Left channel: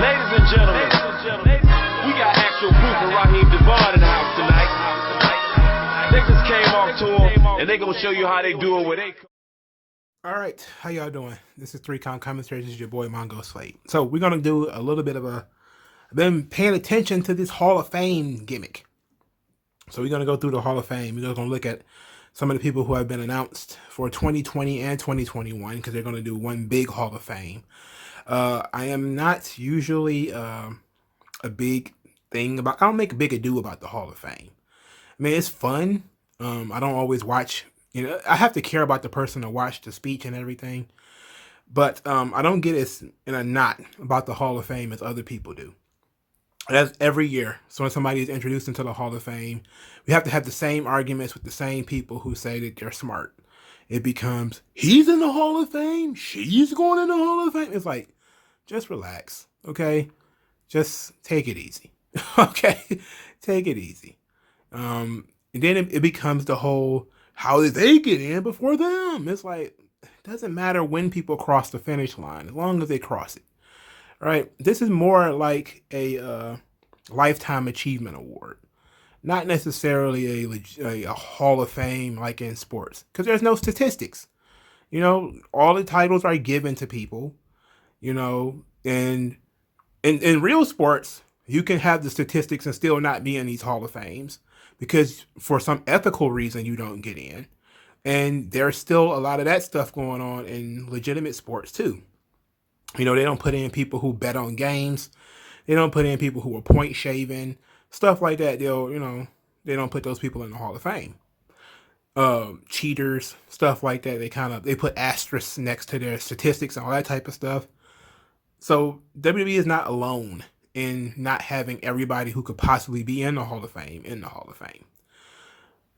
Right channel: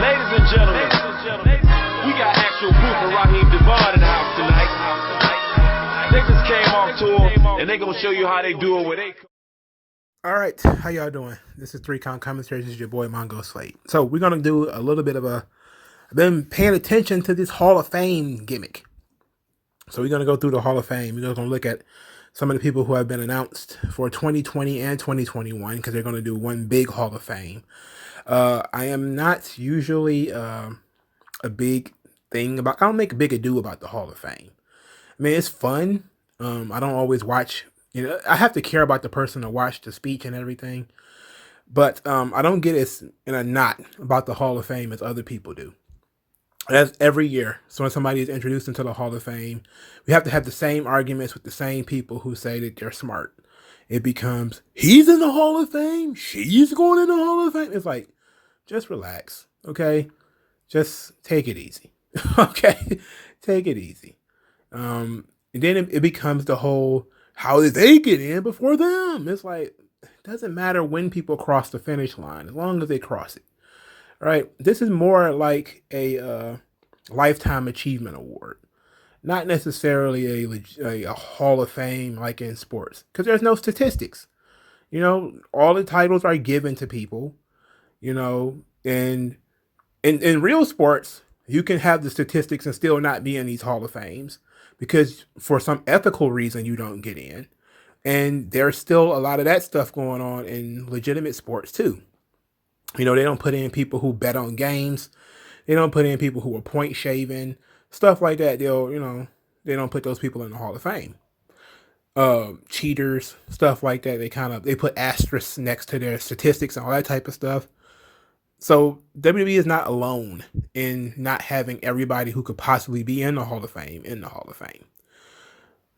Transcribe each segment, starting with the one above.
Ladies and gentlemen, we got actual proof of Raheem Devon in the house tonight. They just came off tour, and they gonna show you how they do it with they. All right, how y'all doing? This is 3Count Commentaries. This is your boy MagMongoSlade. So we're gonna do a little bit of I've been paying attention to this Hall of Fame gimmick. So we're gonna go through the Hall of Fame. We're gonna look at some of the people who have been announced for 2020 and 2021 because they're gonna do one big Hall of Fame. I am not usually a big thing about. I don't make a big ado about the Hall of Fame. I mean, it's fun. I don't always watch. You know, I have to care about the person to watch the speech and everything, but I don't get as in a knot about the Hall of Fame as other people do. That's every year. So when somebody is introduced into the Hall of Fame, we have to have the same arguments with the same people who say that they're smart. It becomes, he's in the Hall of Fame, she's going in the Hall of Fame. It's like, just relax, okay? Just take it easy, okay? Take it easy. And then it becomes the whole, how did they get in before them? It's like, it doesn't matter when people cross the finish line, as long as they cross it, right? This is more like a Lifetime Achievement Award, not necessarily a Hall of Fame like in sports, because there's no statistics. You know, all the titles are given to people, you know, and in real sports, you can have the statistics and still not be in these Hall of Fames because for some ethical reason you don't get in. And there's still a lot of that stuff going on in legitimate sports too. You know, they don't put in people who bet on games. They don't put in people who are point shaving, stuff like that. They don't put those people in the Hall of Fame. Cheaters, stuff like that. They put asterisks next to their statistics and all that type of stuff. So WWE is not alone in not having everybody who could possibly be in the Hall of Fame in the Hall of Fame.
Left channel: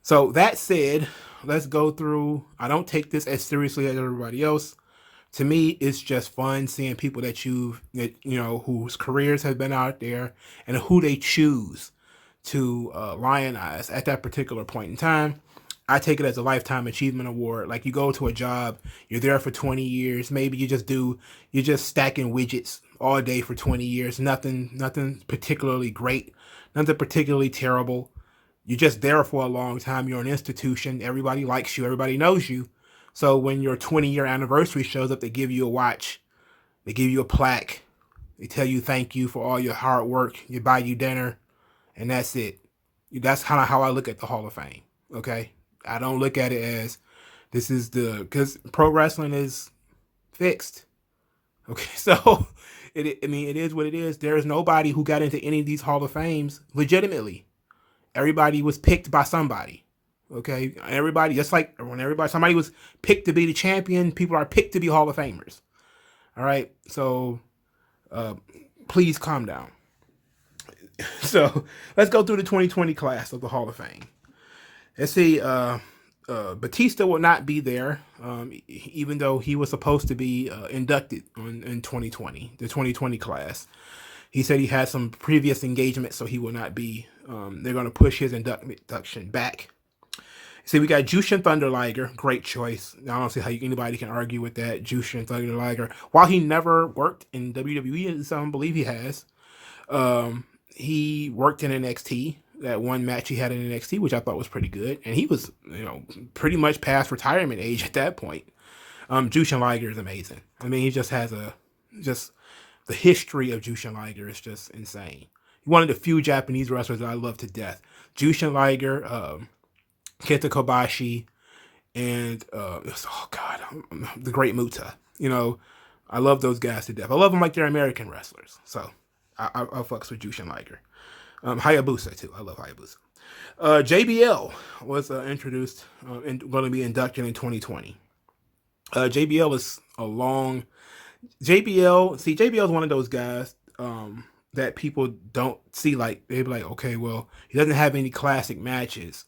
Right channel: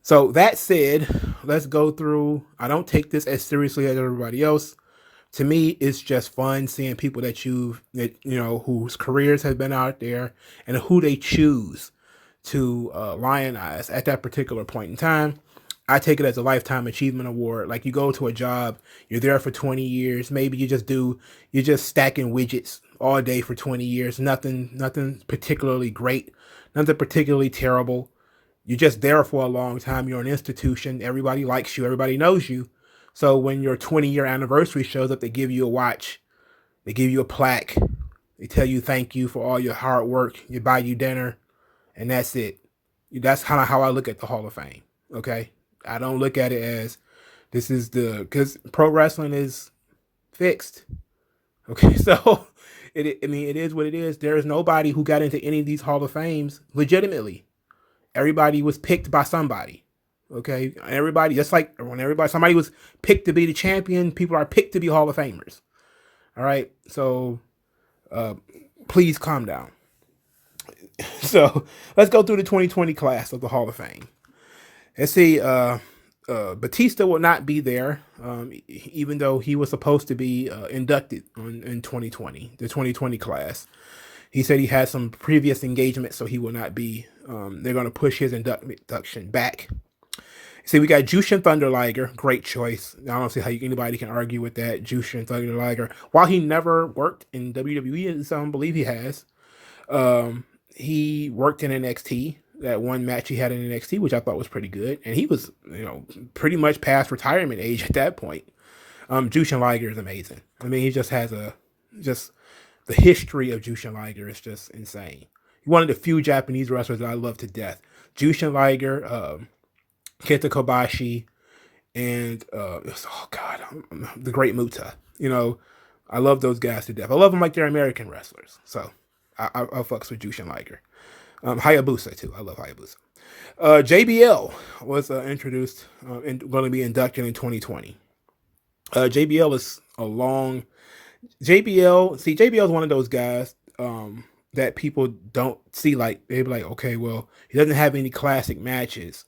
So that said, let's go through. I don't take this as seriously as everybody else. To me, it's just fun seeing people whose careers have been out there and who they choose to lionize at that particular point in time. I take it as a Lifetime Achievement Award. Like you go to a job, you're there for 20 years. Maybe you're just stacking widgets all day for 20 years. Nothing particularly great, nothing particularly terrible. You're just there for a long time. You're an institution. Everybody likes you. Everybody knows you. So when your 20-year anniversary shows up, they give you a watch. They give you a plaque. They tell you thank you for all your hard work. They buy you dinner. And that's it. That's kind of how I look at the Hall of Fame. Okay? I don't look at it as because pro wrestling is fixed. Okay, so it is what it is. There is nobody who got into any of these Hall of Fames legitimately. Everybody was picked by somebody. Okay, everybody, just like when somebody was picked to be the champion, people are picked to be Hall of Famers. All right, so please calm down. So let's go through the 2020 class of the Hall of Fame. Let's see, Batista will not be there, even though he was supposed to be inducted in 2020, the 2020 class. He said he had some previous engagements, so he will not be. They're going to push his induction back. See, we got Jushin Thunder Liger, great choice. I don't see how anybody can argue with that. Jushin Thunder Liger, while he never worked in WWE, some believe he has. He worked in NXT. That one match he had in NXT, which I thought was pretty good, and he was, pretty much past retirement age at that point. Jushin Liger is amazing. I mean, he just has the history of Jushin Liger is just insane. He's one of the few Japanese wrestlers that I love to death. Jushin Liger, Kenta Kobashi, and the Great Muta. I love those guys to death. I love them like they're American wrestlers. So I fucks with Jushin Liger. Hayabusa too. I love Hayabusa. JBL was introduced and going to be inducted in 2020. JBL is JBL is one of those guys that people don't see. Like they'd be like, okay, well, he doesn't have any classic matches.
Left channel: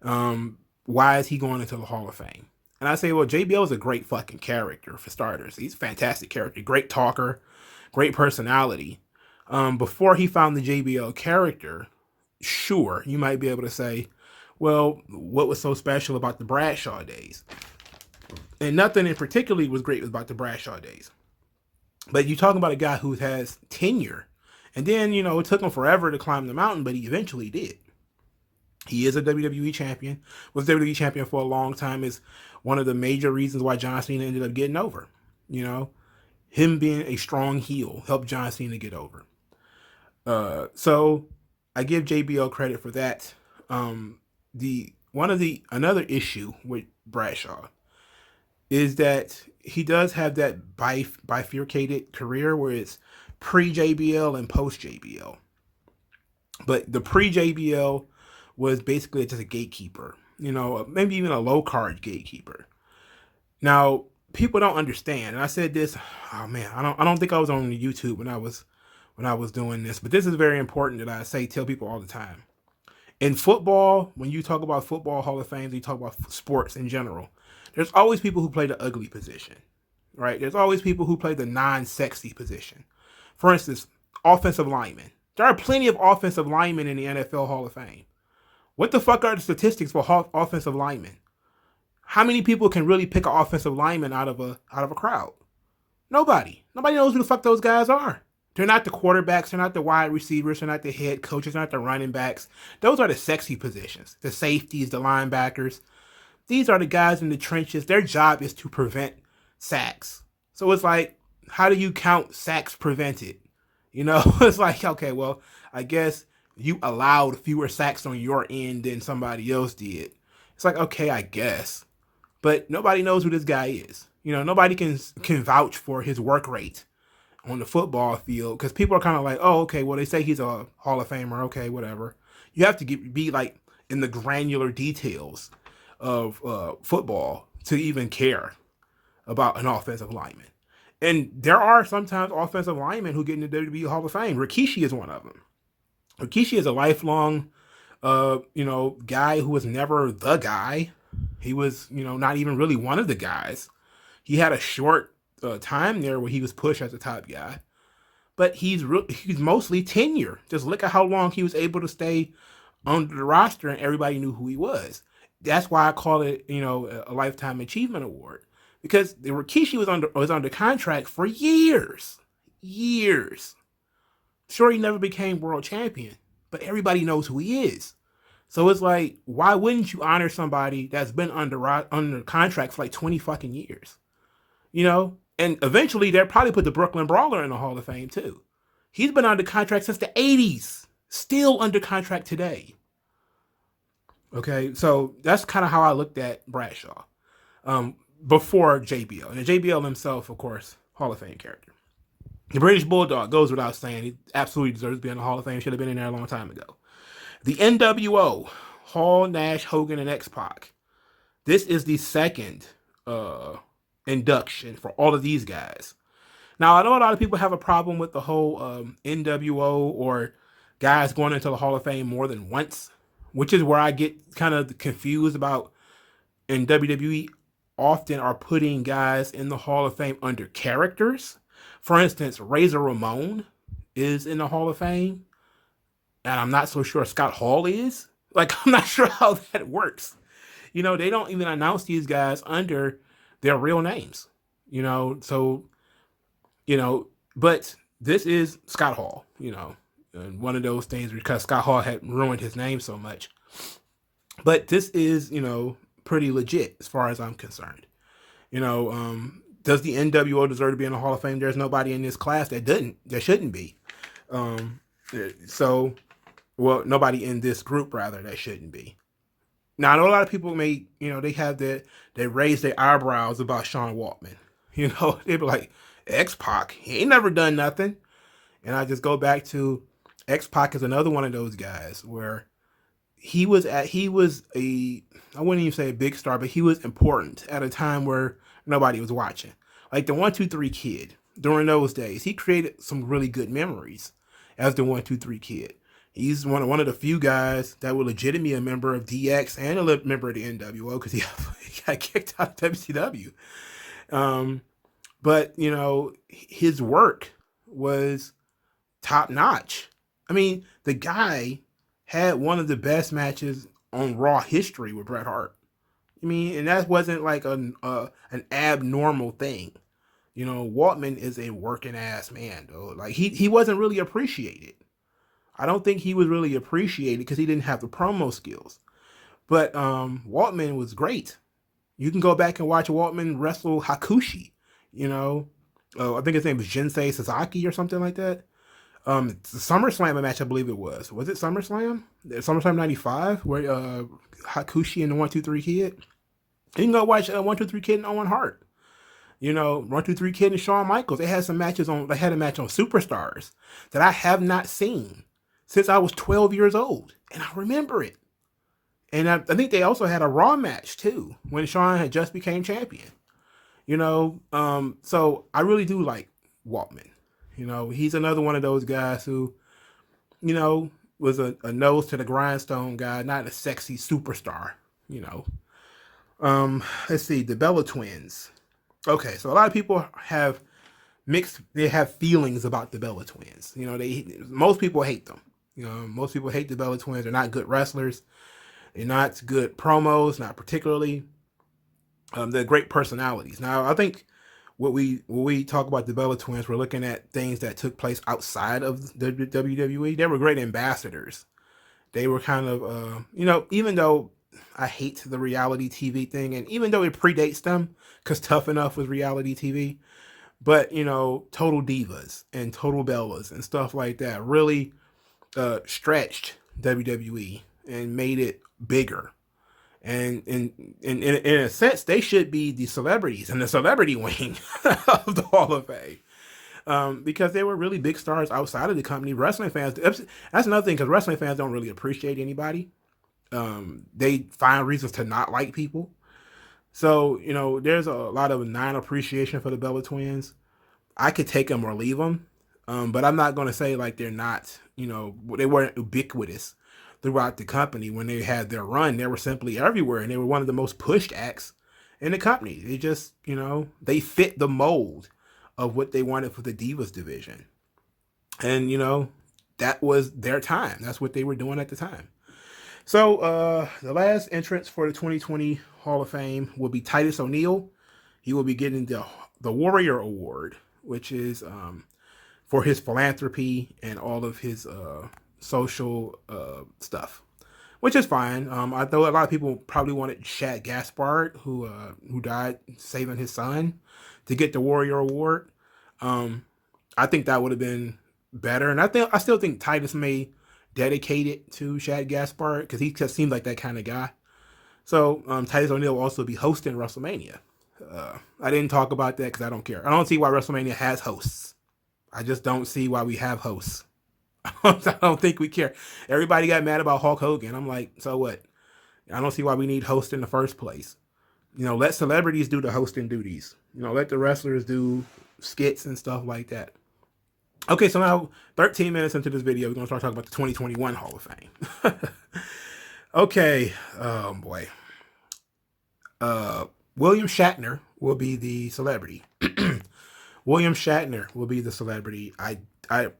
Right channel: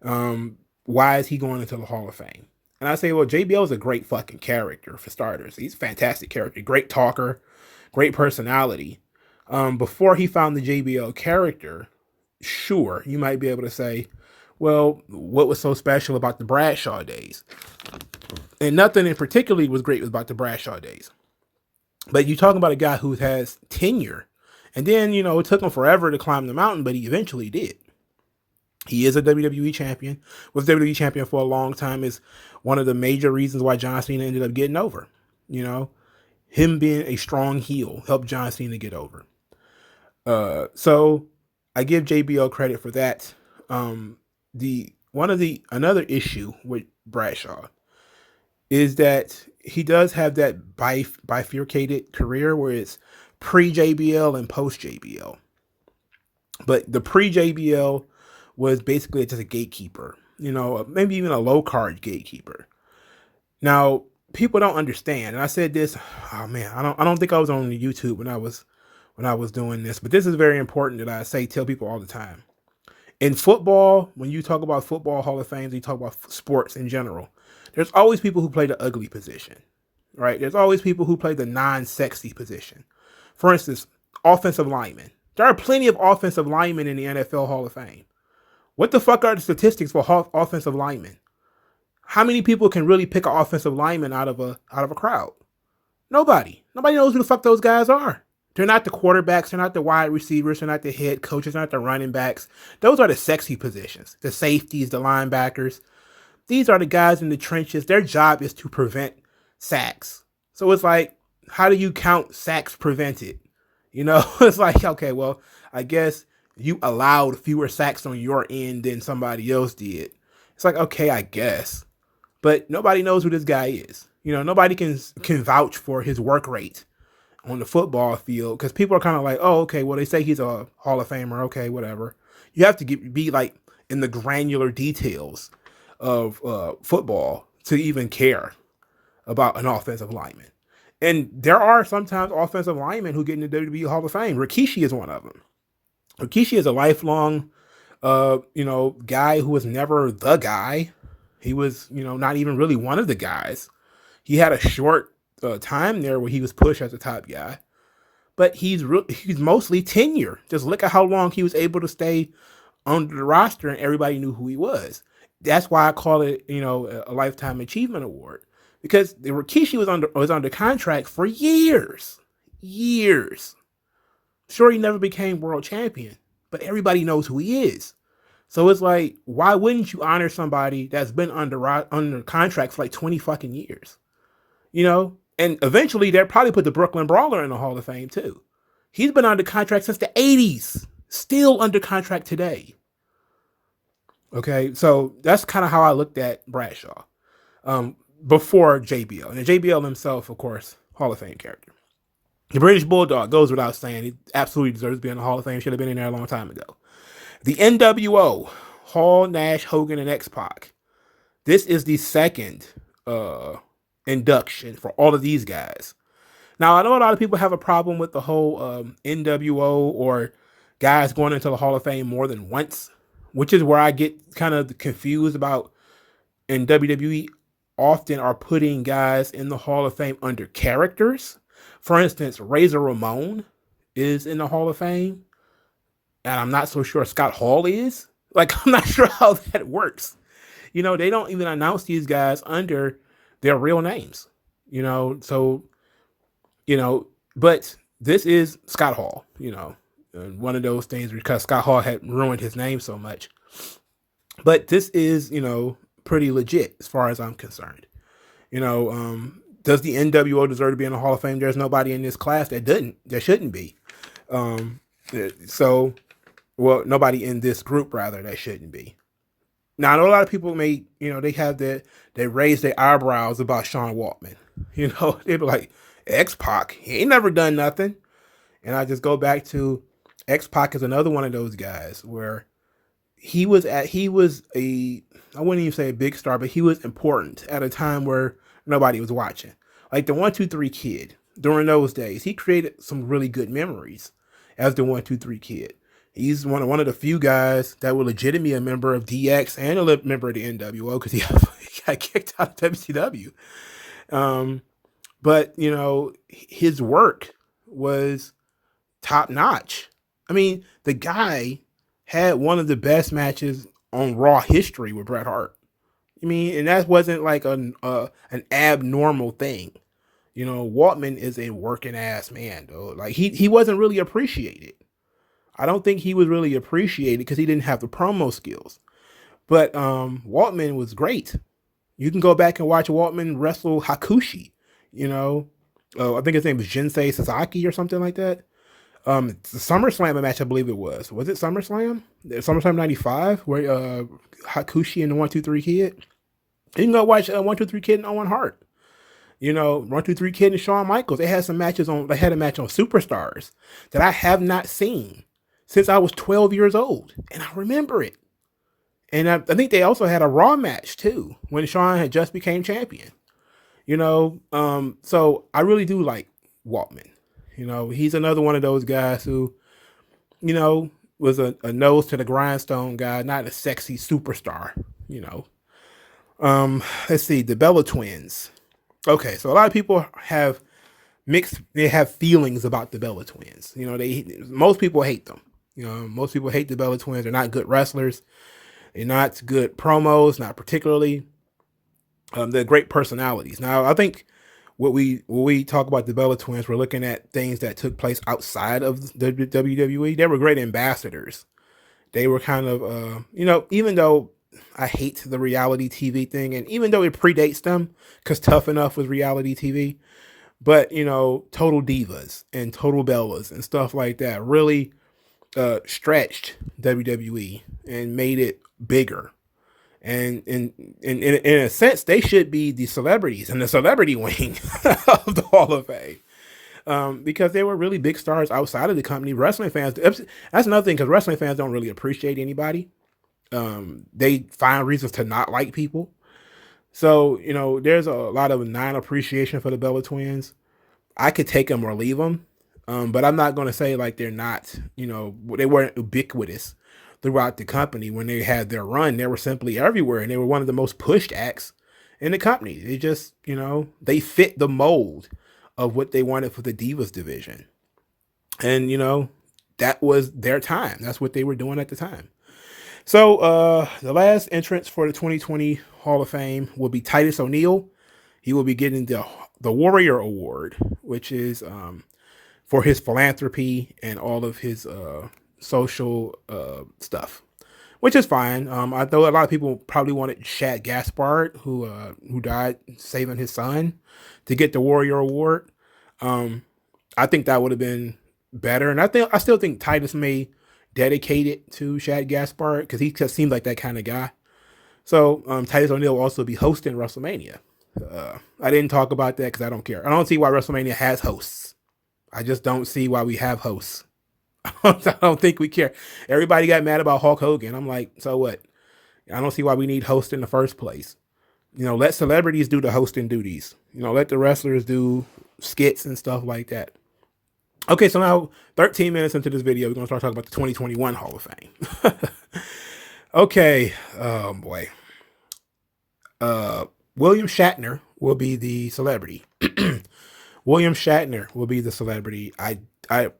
Why is he going into the Hall of Fame? And I say, well, JBL is a great fucking character for starters. He's a fantastic character, great talker, great personality. Before he found the JBL character, sure, you might be able to say, well, what was so special about the Bradshaw days? And nothing in particular was great about the Bradshaw days. But you talking about a guy who has tenure. And then, it took him forever to climb the mountain, but he eventually did. He is a WWE champion, was WWE champion for a long time, is one of the major reasons why John Cena ended up getting over. Him being a strong heel helped John Cena get over. So I give JBL credit for that. Another issue with Bradshaw is that he does have that bifurcated career where it's pre-JBL and post-JBL. But the pre-JBL was basically just a gatekeeper, maybe even a low-card gatekeeper. Now, people don't understand, and I said this, I don't think I was on YouTube when I was doing this, but this is very important that I tell people all the time. In football, when you talk about football Hall of Fame, you talk about sports in general, there's always people who play the ugly position, right? There's always people who play the non-sexy position. For instance, offensive linemen. There are plenty of offensive linemen in the NFL Hall of Fame. What the fuck are the statistics for offensive linemen? How many people can really pick an offensive lineman out of a crowd? Nobody. Nobody knows who the fuck those guys are. They're not the quarterbacks. They're not the wide receivers. They're not the head coaches. They're not the running backs. Those are the sexy positions. The safeties, the linebackers. These are the guys in the trenches. Their job is to prevent sacks. So it's like, how do you count sacks prevented? It's like, okay, well, I guess you allowed fewer sacks on your end than somebody else did. It's like, okay, I guess. But nobody knows who this guy is. Nobody can vouch for his work rate on the football field, because people are kind of like, oh, okay, well, they say he's a Hall of Famer. Okay, whatever. You have to be like in the granular details of football to even care about an offensive lineman. And there are sometimes offensive linemen who get in the WWE Hall of Fame. Rikishi is one of them. Rikishi is a lifelong, guy who was never the guy. He was, not even really one of the guys. He had a short time there where he was pushed as a top guy, but he's mostly tenure. Just look at how long he was able to stay on the roster, and everybody knew who he was. That's why I call it, a lifetime achievement award, because Rikishi was under contract for years. Sure, he never became world champion, but everybody knows who he is. So it's like, why wouldn't you honor somebody that's been under contract for like 20 fucking years? And eventually they'll probably put the Brooklyn Brawler in the Hall of Fame too. He's been under contract since the 80s, still under contract today. Okay, so that's kind of how I looked at Bradshaw before JBL. And JBL himself, of course, Hall of Fame character. The British Bulldog goes without saying. He absolutely deserves to be in the Hall of Fame. Should have been in there a long time ago. The NWO, Hall, Nash, Hogan, and X-Pac. This is the second induction for all of these guys. Now, I know a lot of people have a problem with the whole NWO or guys going into the Hall of Fame more than once, which is where I get kind of confused about. In WWE, often are putting guys in the Hall of Fame under characters. For instance, Razor Ramon is in the Hall of Fame, and I'm not so sure Scott Hall is. Like, I'm not sure how that works. They don't even announce these guys under their real names. But this is Scott Hall, one of those things, because Scott Hall had ruined his name so much. But this is, pretty legit as far as I'm concerned. Does the NWO deserve to be in the Hall of Fame? There's nobody in this class that shouldn't be. Nobody in this group, rather, that shouldn't be. Now, I know a lot of people they raise their eyebrows about Sean Waltman. They be like, X-Pac, he ain't never done nothing. And I just go back to X-Pac is another one of those guys where he was I wouldn't even say a big star, but he was important at a time where nobody was watching. Like the 1-2-3 Kid, during those days, he created some really good memories as the 1-2-3 Kid. He's one of the few guys that were legitimately a member of DX and a member of the NWO, because he got kicked out of WCW. But his work was top notch. I mean, the guy had one of the best matches on Raw history with Bret Hart. I mean, and that wasn't like an abnormal thing. You know, Waltman is a working ass man, though. Like he wasn't really appreciated. I don't think he was really appreciated because he didn't have the promo skills. But Waltman was great. You can go back and watch Waltman wrestle Hakushi. You know, I think his name was Jinsei Sasaki or something like that. The SummerSlam match, I believe it was. Was it SummerSlam? SummerSlam '95, where Hakushi and the 1-2-3 Kid. You can go watch 1-2-3 Kid and Owen Hart. You know, 1-2-3 Kid and Shawn Michaels. They had some matches on. They had a match on Superstars that I have not seen since I was 12 years old, and I remember it. And I think they also had a Raw match too when Shawn had just became champion. You know, so I really do like Waltman. You know, he's another one of those guys who, you know, was a nose to the grindstone guy, not a sexy superstar. You know, let's see, the Bella Twins. Okay, so a lot of people have they have feelings about the Bella Twins. You know, most people hate them. You know, most people hate the Bella Twins. They're not good wrestlers. They're not good promos, not particularly. They're great personalities. Now, I think when we talk about the Bella Twins, we're looking at things that took place outside of the WWE. They were great ambassadors. They were kind of, you know, even though I hate the reality TV thing, and even though it predates them, because Tough Enough was reality TV, but, you know, Total Divas and Total Bellas and stuff like that really stretched WWE and made it bigger. And in a sense, they should be the celebrities in the celebrity wing of the Hall of Fame, because they were really big stars outside of the company. Wrestling fans, that's another thing, because wrestling fans don't really appreciate anybody. They find reasons to not like people. So, you know, there's a lot of non-appreciation for the Bella Twins. I could take them or leave them, but I'm not going to say like they're not, you know, they weren't ubiquitous throughout the company. When they had their run, they were simply everywhere, and they were one of the most pushed acts in the company. They just, you know, they fit the mold of what they wanted for the Divas division. And, you know, that was their time. That's what they were doing at the time. So the last entrance for the 2020 Hall of Fame will be Titus O'Neil. He will be getting the Warrior Award, which is for his philanthropy and all of his social stuff, which is fine. I know a lot of people probably wanted Shad Gaspard, who died saving his son, to get the Warrior Award. I think that would have been better, and I still think Titus may dedicate it to Shad Gaspard because he just seems like that kind of guy. So Titus O'Neil will also be hosting WrestleMania. I didn't talk about that because I don't care. I don't see why WrestleMania has hosts. I just don't see why we have hosts. I don't think we care. Everybody got mad about Hulk Hogan. I'm like, so what? I don't see why we need hosts in the first place. You know, let celebrities do the hosting duties. You know, let the wrestlers do skits and stuff like that. Okay, so now 13 minutes into this video, we're going to start talking about the 2021 Hall of Fame. Okay, oh boy. William Shatner will be the celebrity. William Shatner will be the celebrity. I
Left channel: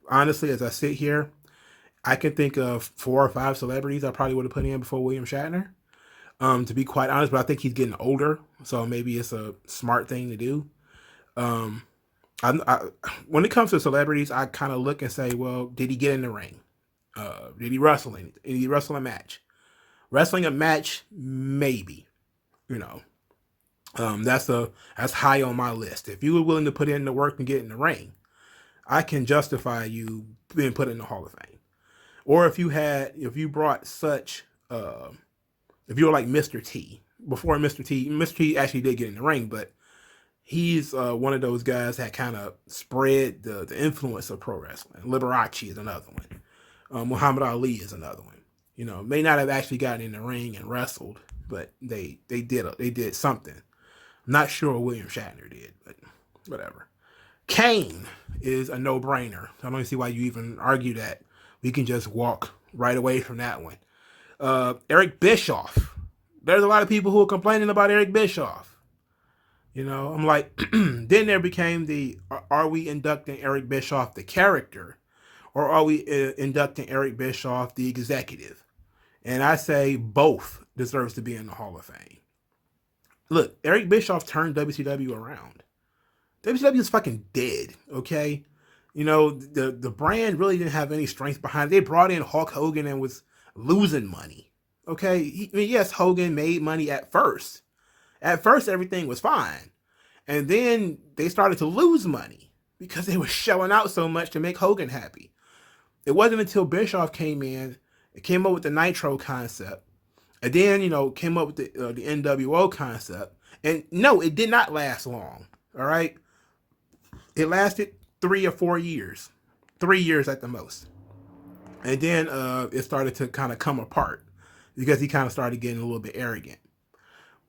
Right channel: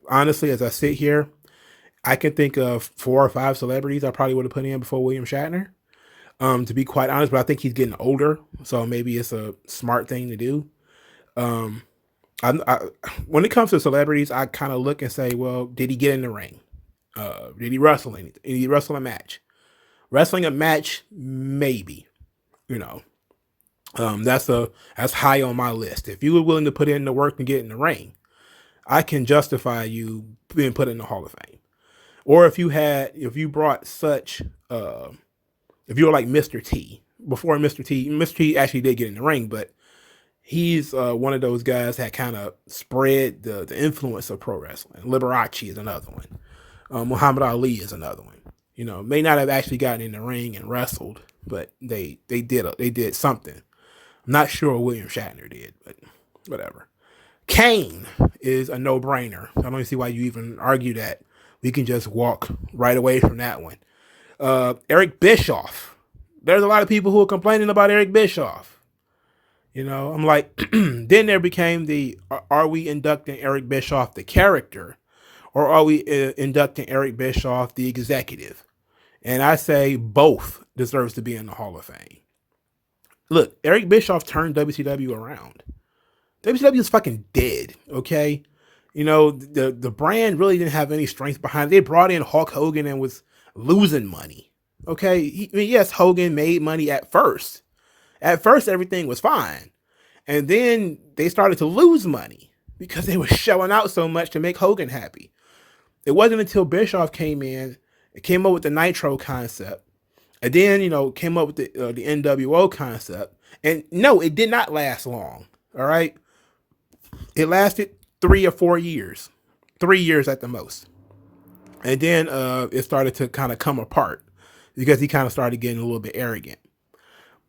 honestly, as I sit here, I can think of 4 or 5 celebrities I probably would have put in before William Shatner. To be quite honest, but I think he's getting older, so maybe it's a smart thing to do. When it comes to celebrities, I kind of look and say, well, did he get in the ring? Did he wrestle anything? Did he wrestle a match? Wrestling a match, maybe. You know, that's high on my list. If you were willing to put in the work and get in the ring, I can justify you being put in the Hall of Fame. Or if you brought such, if you were like Mr. T, before Mr. T actually did get in the ring, but he's one of those guys that kind of spread the influence of pro wrestling. Liberace is another one. Muhammad Ali is another one. You know, may not have actually gotten in the ring and wrestled, but they did something. I'm not sure what William Shatner did, but whatever. Kane is a no-brainer. I don't see why you even argue that. We can just walk right away from that one. Eric Bischoff. There's a lot of people who are complaining about Eric Bischoff. You know, I'm like, then there became are we inducting Eric Bischoff the character, or are we inducting Eric Bischoff the executive? And I say both deserves to be in the Hall of Fame. Look, Eric Bischoff turned WCW around. WCW is fucking dead, okay? You know, the brand really didn't have any strength behind it. They brought in Hulk Hogan and was losing money, okay? I mean, yes, Hogan made money at first. At first, everything was fine. And then they started to lose money because they were shelling out so much to make Hogan happy. It wasn't until Bischoff came in, it came up with the Nitro concept, and then, came up with the NWO concept. And no, it did not last long, all right? It lasted 3 or 4 years, 3 years at the most. And then it started to kind of come apart because he kind of started getting a little bit arrogant.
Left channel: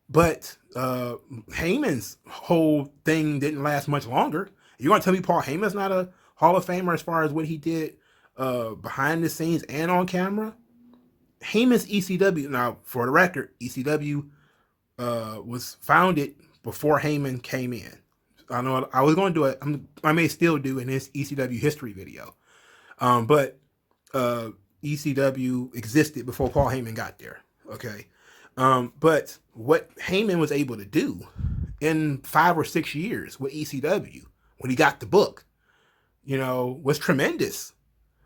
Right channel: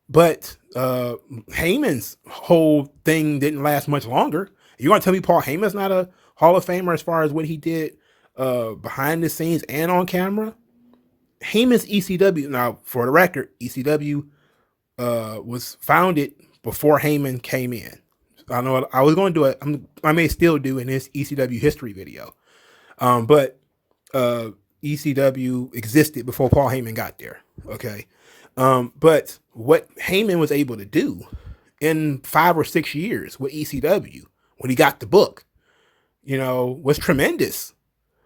But Heyman's whole thing didn't last much longer. You want to tell me Paul Heyman's not a Hall of Famer as far as what he did behind the scenes and on camera? Heyman's ECW, now for the record, ECW was founded before Heyman came in. I know I was going to do it. I may still do in this ECW history video. But ECW existed before Paul Heyman got there. Okay. But what Heyman was able to do in 5 or 6 years with ECW, when he got the book, was tremendous.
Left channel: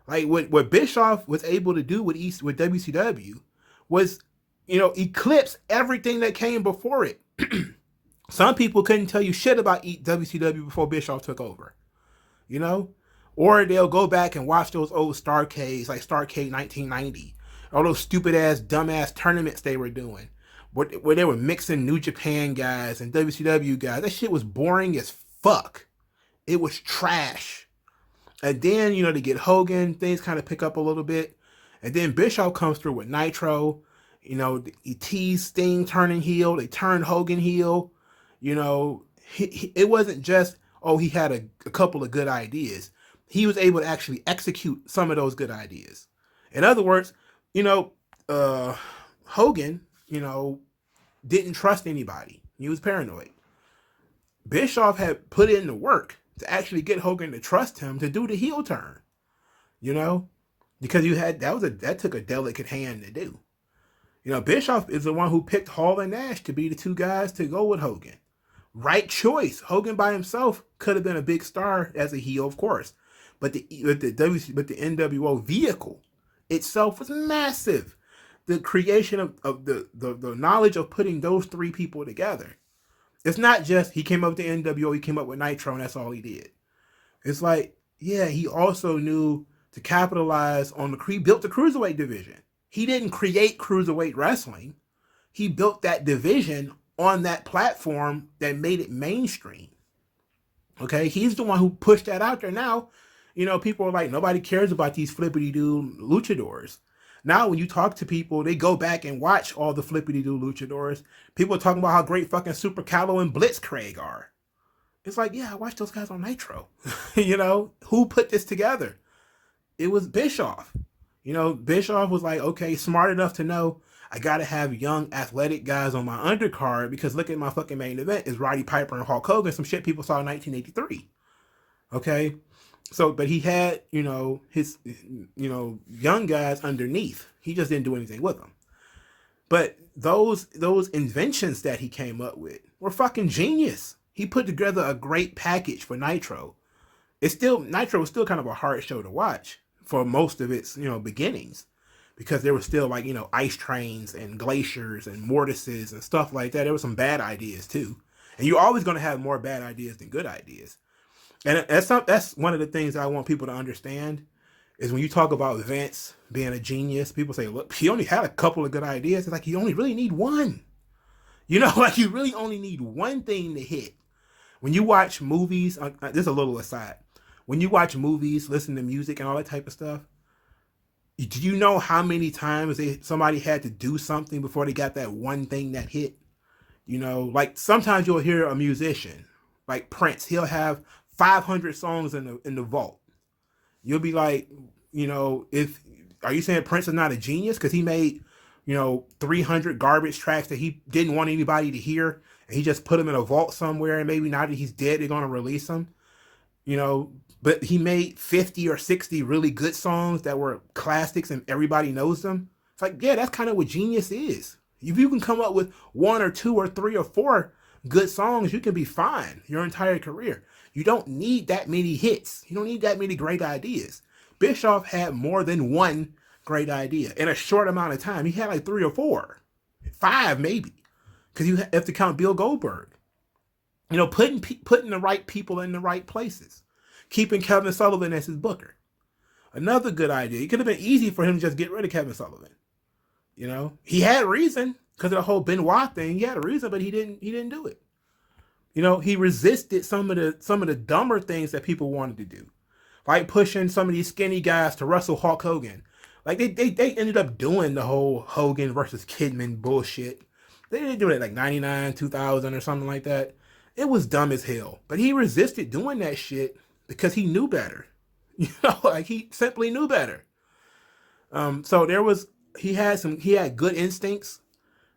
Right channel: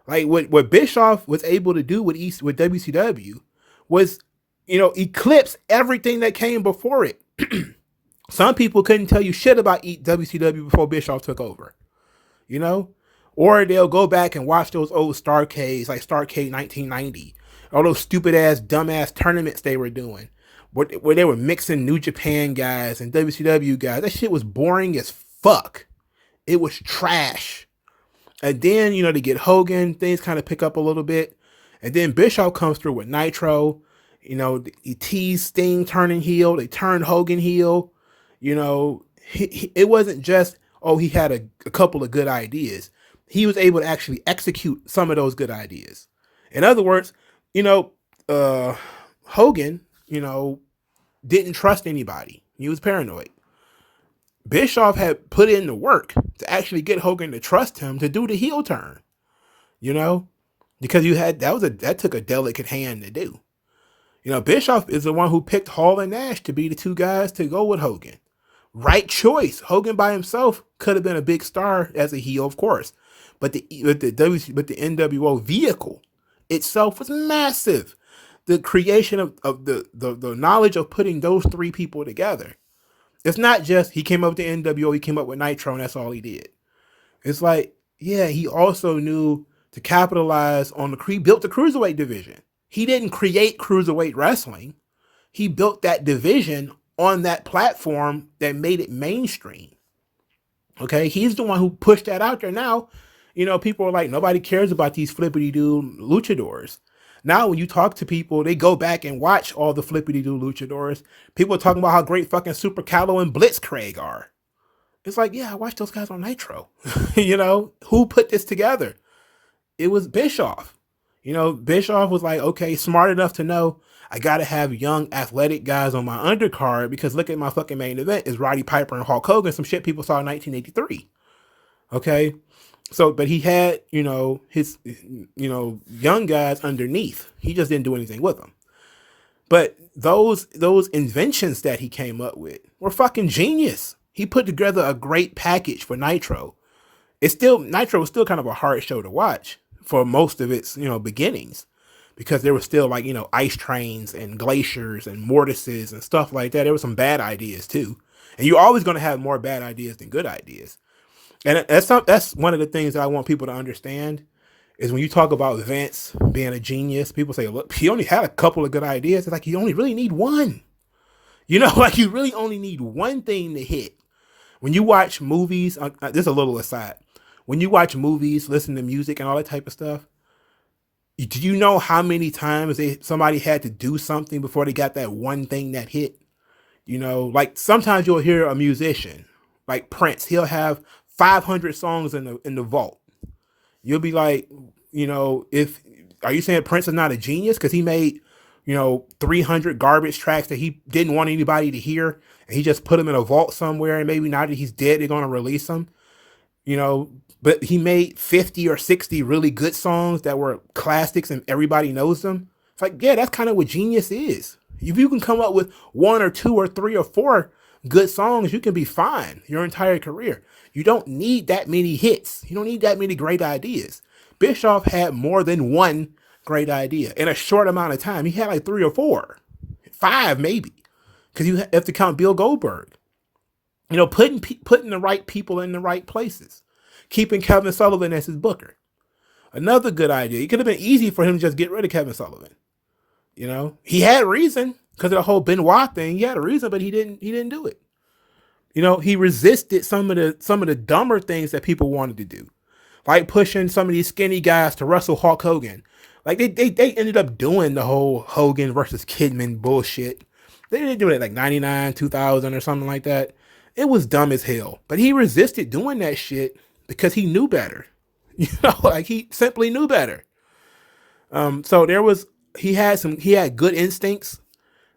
Like what Bischoff was able to do with WCW was, eclipse everything that came before it. Some people couldn't tell you shit about WCW before Bischoff took over, or they'll go back and watch those old Starrcades, like Starrcade 1990, all those stupid ass, dumbass tournaments they were doing, where they were mixing New Japan guys and WCW guys. That shit was boring as fuck. It was trash. And then, to get Hogan, things kind of pick up a little bit. And then Bischoff comes through with Nitro. He teased Sting turning heel. They turned Hogan heel. It wasn't just, he had a couple of good ideas. He was able to actually execute some of those good ideas. In other words, Hogan, didn't trust anybody. He was paranoid. Bischoff had put in the work to actually get Hogan to trust him to do the heel turn, because that took a delicate hand to do. Bischoff is the one who picked Hall and Nash to be the two guys to go with Hogan. Right choice. Hogan by himself could have been a big star as a heel, of course, but the NWO vehicle itself was massive. The creation of the knowledge of putting those three people together. It's not just he came up with the NWO, he came up with Nitro, and that's all he did. It's like, yeah, he also knew to capitalize on built the cruiserweight division. He didn't create cruiserweight wrestling. He built that division on that platform that made it mainstream. Okay, he's the one who pushed that out there. Now, people are like, nobody cares about these flippity-doo luchadors. Now, when you talk to people, they go back and watch all the flippity-doo luchadors. People are talking about how great fucking Super Calo and Blitzkrieg are. It's like, yeah, I watched those guys on Nitro. Who put this together? It was Bischoff. Bischoff was like, okay, smart enough to know I got to have young athletic guys on my undercard because look at my fucking main event is Roddy Piper and Hulk Hogan, some shit people saw in 1983. Okay. So, but he had, his, young guys underneath. He just didn't do anything with them. But those inventions that he came up with were fucking genius. He put together a great package for Nitro. Nitro was still kind of a hard show to watch for most of its, beginnings, because there was still like, ice trains and glaciers and mortises and stuff like that. There were some bad ideas too. And you're always going to have more bad ideas than good ideas. And that's one of the things that I want people to understand is when you talk about Vince being a genius, people say, look, he only had a couple of good ideas. It's like, you only really need one. Like you really only need one thing to hit. When you watch movies, this is a little aside. When you watch movies, listen to music and all that type of stuff, do you know how many times somebody had to do something before they got that one thing that hit? Like sometimes you'll hear a musician, like Prince, he'll have 500 songs in the vault. You'll be like, are you saying Prince is not a genius because he made, 300 garbage tracks that he didn't want anybody to hear, and he just put them in a vault somewhere, and maybe now that he's dead, they're going to release them, but he made 50 or 60 really good songs that were classics and everybody knows them. It's like, yeah, that's kind of what genius is. If you can come up with 1 or 2 or 3 or 4 good songs, you can be fine your entire career. You don't need that many hits. You don't need that many great ideas. Bischoff had more than one great idea in a short amount of time. He had like 3 or 4, 5 maybe, because you have to count Bill Goldberg. You know, putting the right people in the right places, keeping Kevin Sullivan as his booker. Another good idea. It could have been easy for him to just get rid of Kevin Sullivan. You know, he had reason because of the whole Benoit thing. He had a reason, but he didn't do it. You know, he resisted some of the dumber things that people wanted to do, like pushing some of these skinny guys to wrestle Hulk Hogan. Like they ended up doing the whole Hogan versus Kidman bullshit. They didn't do it like 99, 2000 or something like that. It was dumb as hell. But he resisted doing that shit because he knew better. You know, like he simply knew better. So he had good instincts,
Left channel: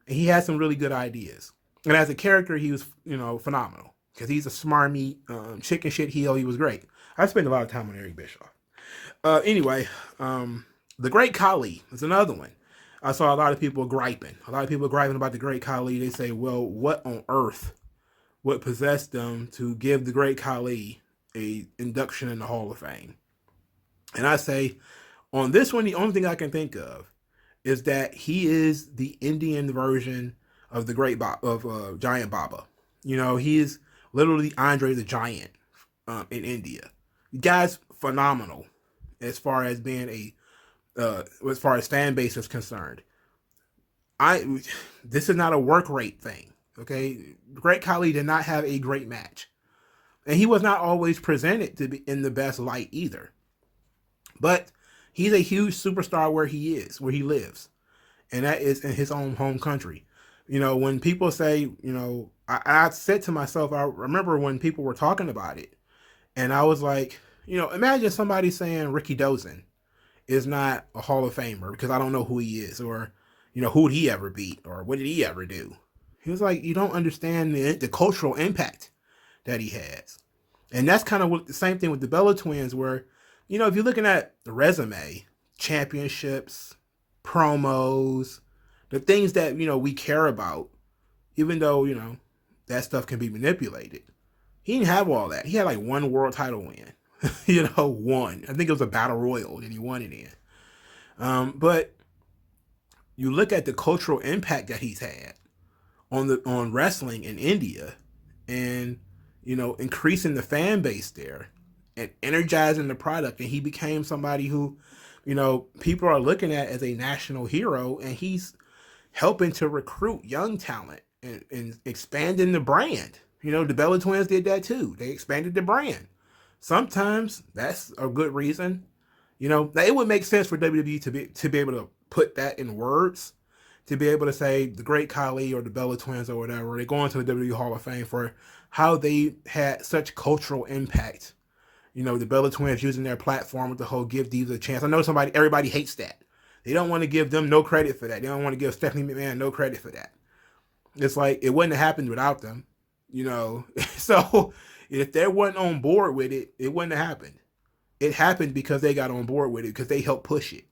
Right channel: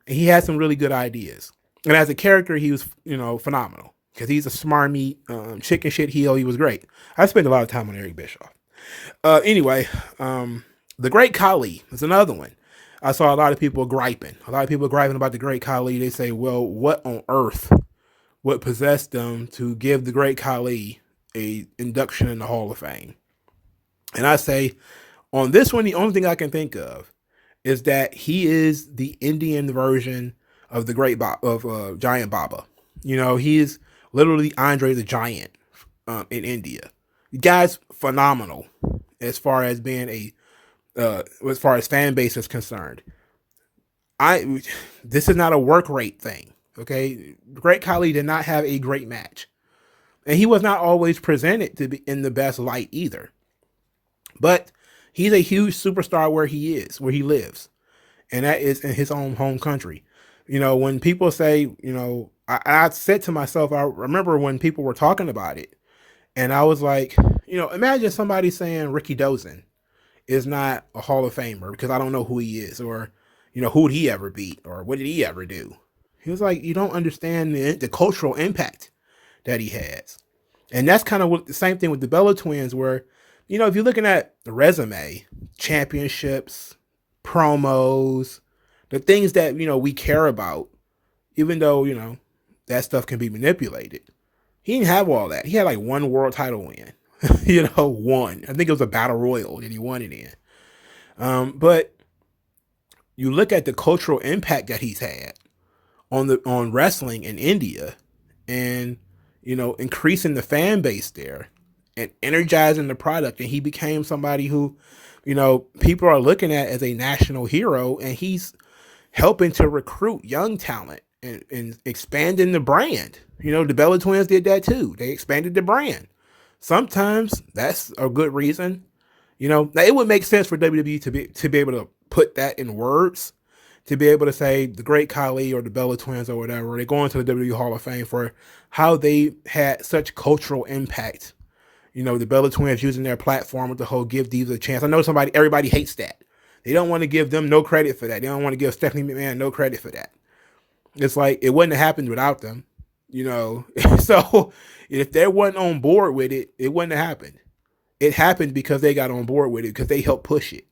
and he had some really good ideas. And as a character, he was, you know, phenomenal because he's a smarmy chicken shit heel. He was great. I spent a lot of time on Eric Bischoff. Anyway, the Great Khali is another one. I saw a lot of people griping. about the Great Khali. They say, well, what on earth would possess them to give the Great Khali a induction in the Hall of Fame? And I say, on this one, the only thing I can think of is that he is the Indian version of the Giant Baba. You know, he is literally Andre the Giant in India. The guy's phenomenal as far as being as far as fan base is concerned. This is not a work rate thing. Okay, Great Khali did not have a great match, and he was not always presented to be in the best light either. But he's a huge superstar where he lives, and that is in his own home country. You know, when people say, you know, I said to myself, I remember when people were talking about it, and I was like, you know, imagine somebody saying Ricky Dozan is not a Hall of Famer because I don't know who he is, or, you know, who did he ever beat, or what did he ever do? He was like, you don't understand the cultural impact that he has. And that's kind of the same thing with the Bella Twins, where, you know, if you're looking at the resume, championships, promos, the things that, you know, we care about, even though, you know, that stuff can be manipulated. He didn't have all that. He had like 1 world title win, you know, 1. I think it was a battle royal and he won it in. But you look at the cultural impact that he's had on wrestling in India, and, you know, increasing the fan base there and energizing the product. And he became somebody who, you know, people are looking at as a national hero, and he's helping to recruit young talent and expanding the brand. You know, the Bella Twins did that too. They expanded the brand. Sometimes that's a good reason. You know, now it would make sense for WWE to be able to put that in words, to be able to say the Great Khali or the Bella Twins or whatever, they go into the WWE Hall of Fame for how they had such cultural impact. You know, the Bella Twins using their platform with the whole Give Divas a Chance. I know everybody hates that. They don't want to give them no credit for that. They don't want to give Stephanie McMahon no credit for that. It's like, it wouldn't have happened without them, you know. So if they wasn't on board with it, it wouldn't have happened. It happened because they got on board with it, because they helped push it.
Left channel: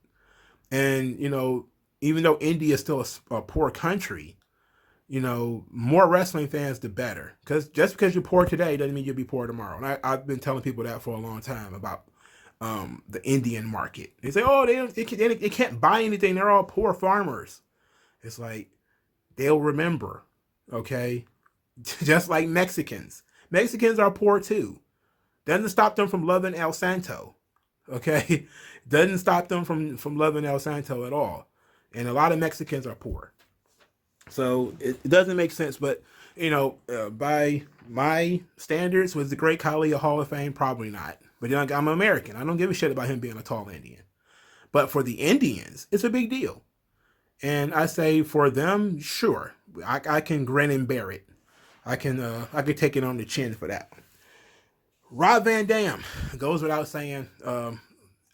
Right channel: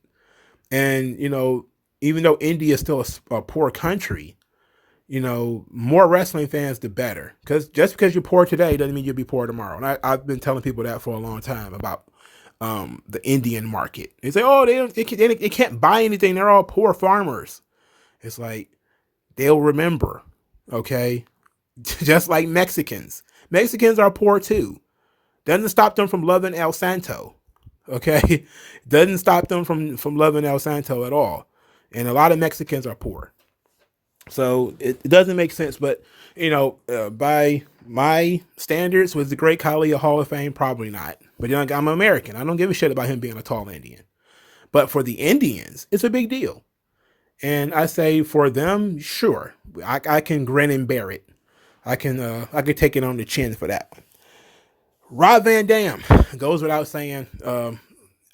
And, you know, even though India is still a poor country, you know, more wrestling fans, the better. Because just because you're poor today doesn't mean you'll be poor tomorrow. And I've been telling people that for a long time about the Indian market. They say, oh, they can't buy anything. They're all poor farmers. It's like, they'll remember, okay? Just like Mexicans. Mexicans are poor too. Doesn't stop them from loving El Santo, okay? Doesn't stop them from loving El Santo at all. And a lot of Mexicans are poor. So it doesn't make sense. But, you know, by my standards, was the Great Khali a Hall of Fame? Probably not. But, you know, I'm American. I don't give a shit about him being a tall Indian. But for the Indians, it's a big deal. And I say for them, sure, I can grin and bear it. I can take it on the chin for that one. Rob Van Dam goes without saying.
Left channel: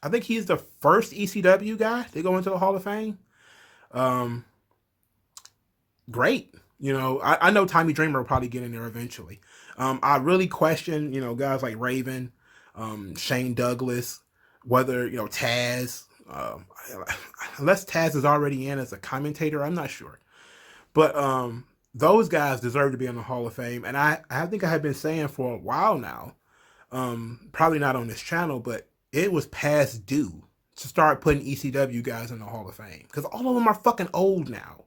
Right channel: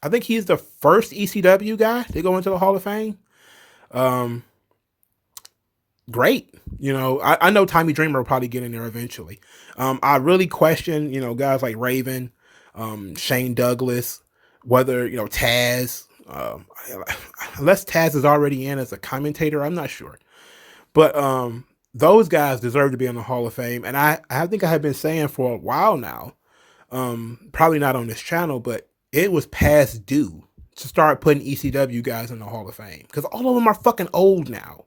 I think he's the first ECW guy to go into the Hall of Fame. Great. You know, I know Tommy Dreamer will probably get in there eventually. I really question, you know, guys like Raven, Shane Douglas, whether, you know, Taz, unless Taz is already in as a commentator, I'm not sure. But those guys deserve to be in the Hall of Fame. And I think I have been saying for a while now Probably not on this channel, but it was past due to start putting ECW guys in the Hall of Fame because all of them are fucking old now.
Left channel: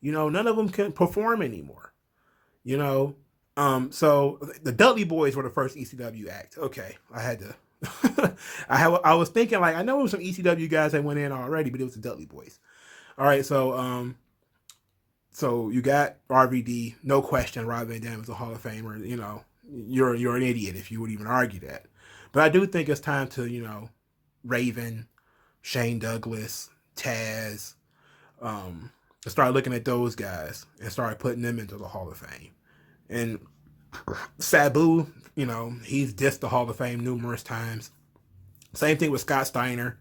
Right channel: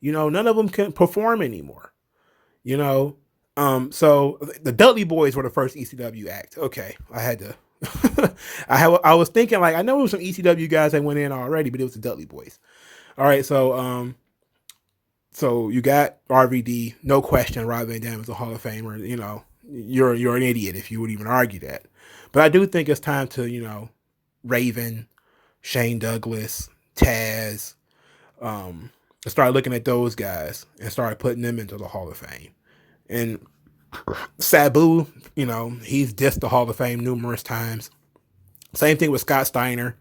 You know, none of them can perform anymore. You know, so the Dudley Boys were the first ECW act. Okay, I had to. I was thinking like I know there was some ECW guys that went in already, but it was the Dudley Boys. All right, so you got RVD, no question. Rob Van Dam is a Hall of Famer. You know, you're an idiot if you would even argue that. But I do think it's time to Raven, Shane Douglas, Taz, start looking at those guys and start putting them into the Hall of Fame. And Sabu, he's dissed the Hall of Fame numerous times. Same thing with Scott Steiner.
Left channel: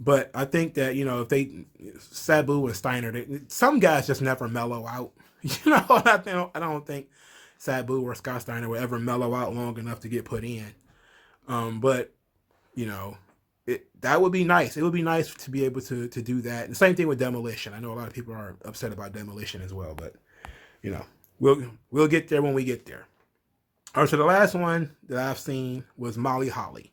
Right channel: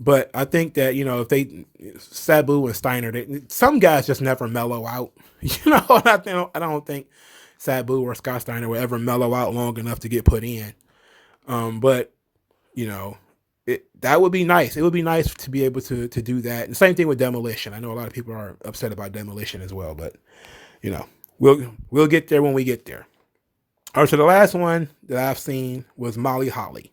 But I think that, if Sabu and Steiner, some guys just never mellow out. I don't think Sabu or Scott Steiner will ever mellow out long enough to get put in. But that would be nice. It would be nice to be able to do that. And same thing with Demolition. I know a lot of people are upset about Demolition as well, but we'll get there when we get there. All right, so the last one that I've seen was Molly Holly.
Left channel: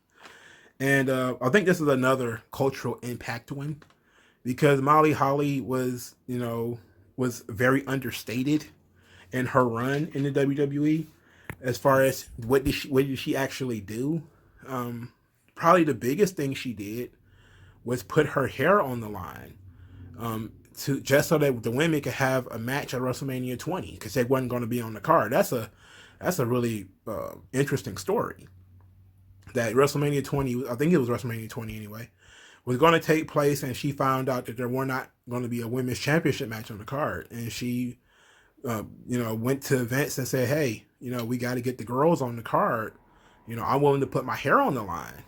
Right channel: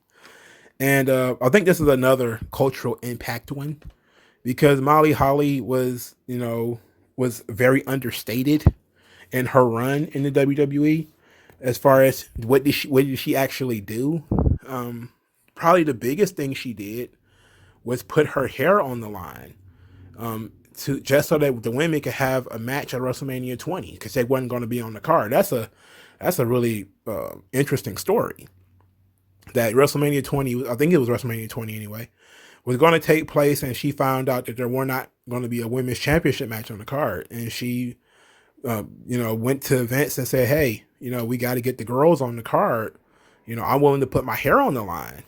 And I think this is another cultural impact one because Molly Holly was very understated in her run in the WWE as far as what did she actually do. Probably the biggest thing she did was put her hair on the line just so that the women could have a match at WrestleMania 20 because they wasn't going to be on the card. That's a really interesting story. That WrestleMania 20, I think it was WrestleMania 20 anyway, was going to take place, and she found out that there were not going to be a women's championship match on the card, and she, went to Vince and said, "Hey, we got to get the girls on the card. I'm willing to put my hair on the line,"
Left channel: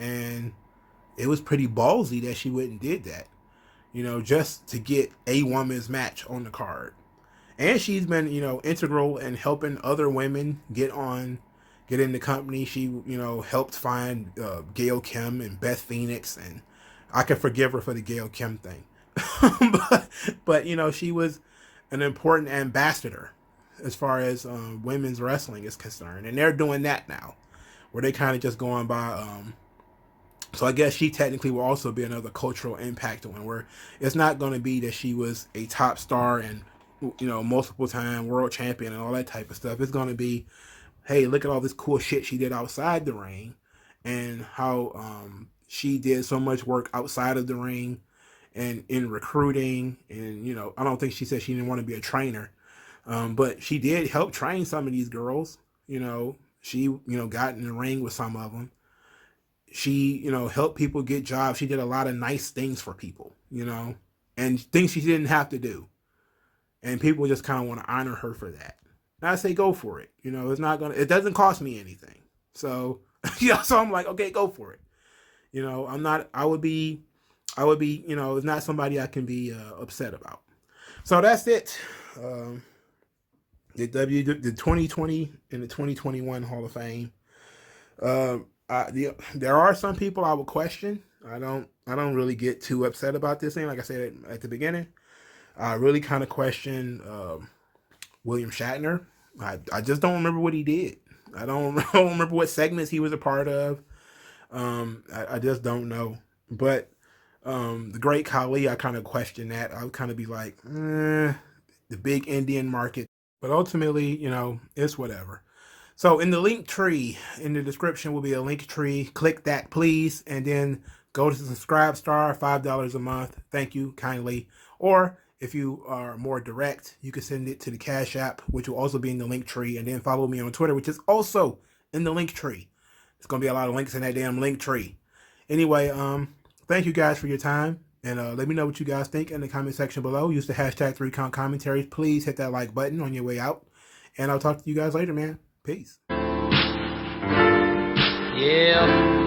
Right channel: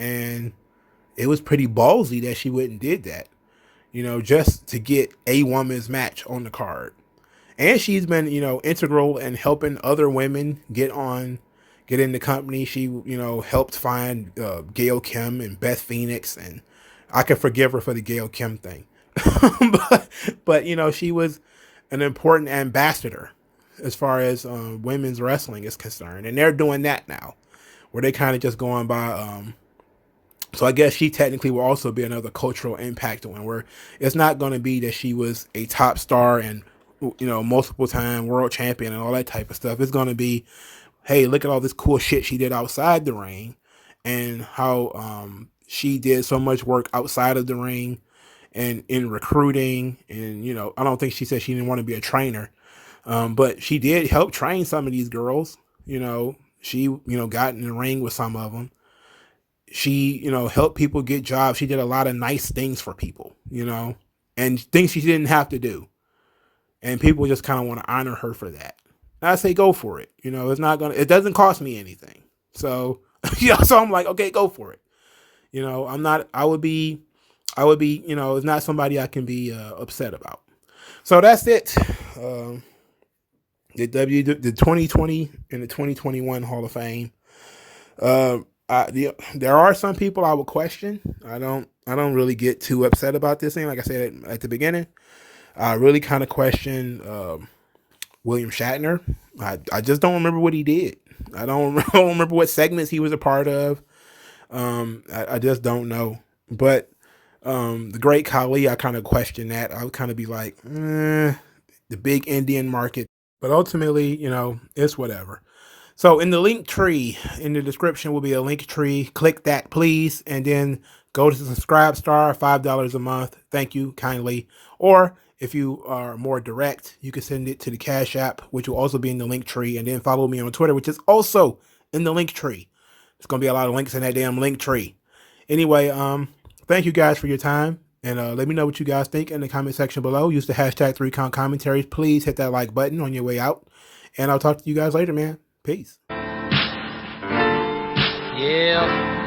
and it was pretty ballsy that she went and did that, just to get a women's match on the card, and she's been, integral in helping other women get in the company. She, helped find Gail Kim and Beth Phoenix, and I can forgive her for the Gail Kim thing. but she was an important ambassador as far as women's wrestling is concerned. And they're doing that now, where they kind of just going by. So I guess she technically will also be another cultural impact one, where it's not going to be that she was a top star and, multiple time world champion and all that type of stuff. It's going to be, hey, look at all this cool shit she did outside the ring and how she did so much work outside of the ring and in recruiting. And, I don't think she said she didn't want to be a trainer, but she did help train some of these girls. She, got in the ring with some of them. She, helped people get jobs. She did a lot of nice things for people, and things she didn't have to do. And people just kind of want to honor her for that. I say go for it. It doesn't cost me anything. So, so I'm like, okay, go for it. I would be, it's not somebody I can be upset about. So that's it. The 2020 and the 2021 Hall of Fame. There are some people I would question. I don't really get too upset about this thing. Like I said at the beginning, I really kind of question William Shatner. I just don't remember what he did. I don't remember what segments he was a part of. I just don't know. But the great Khali, I kind of question that. I would kind of be like, the big Indian market. But ultimately, it's whatever. So in the link tree, in the description will be a link tree. Click that, please. And then go to the subscribe star, $5 a month. Thank you kindly. Or if you are more direct, you can send it to the Cash App, which will also be in the link tree. And then follow me on Twitter, which is also in the link tree. There's going to be a lot of links in that damn link tree. Anyway, thank you guys for your time. And let me know what you guys think in the comment section below. Use the hashtag 3count commentaries. Please hit that like button on your way out. And I'll talk to you guys later, man. Peace. Yeah.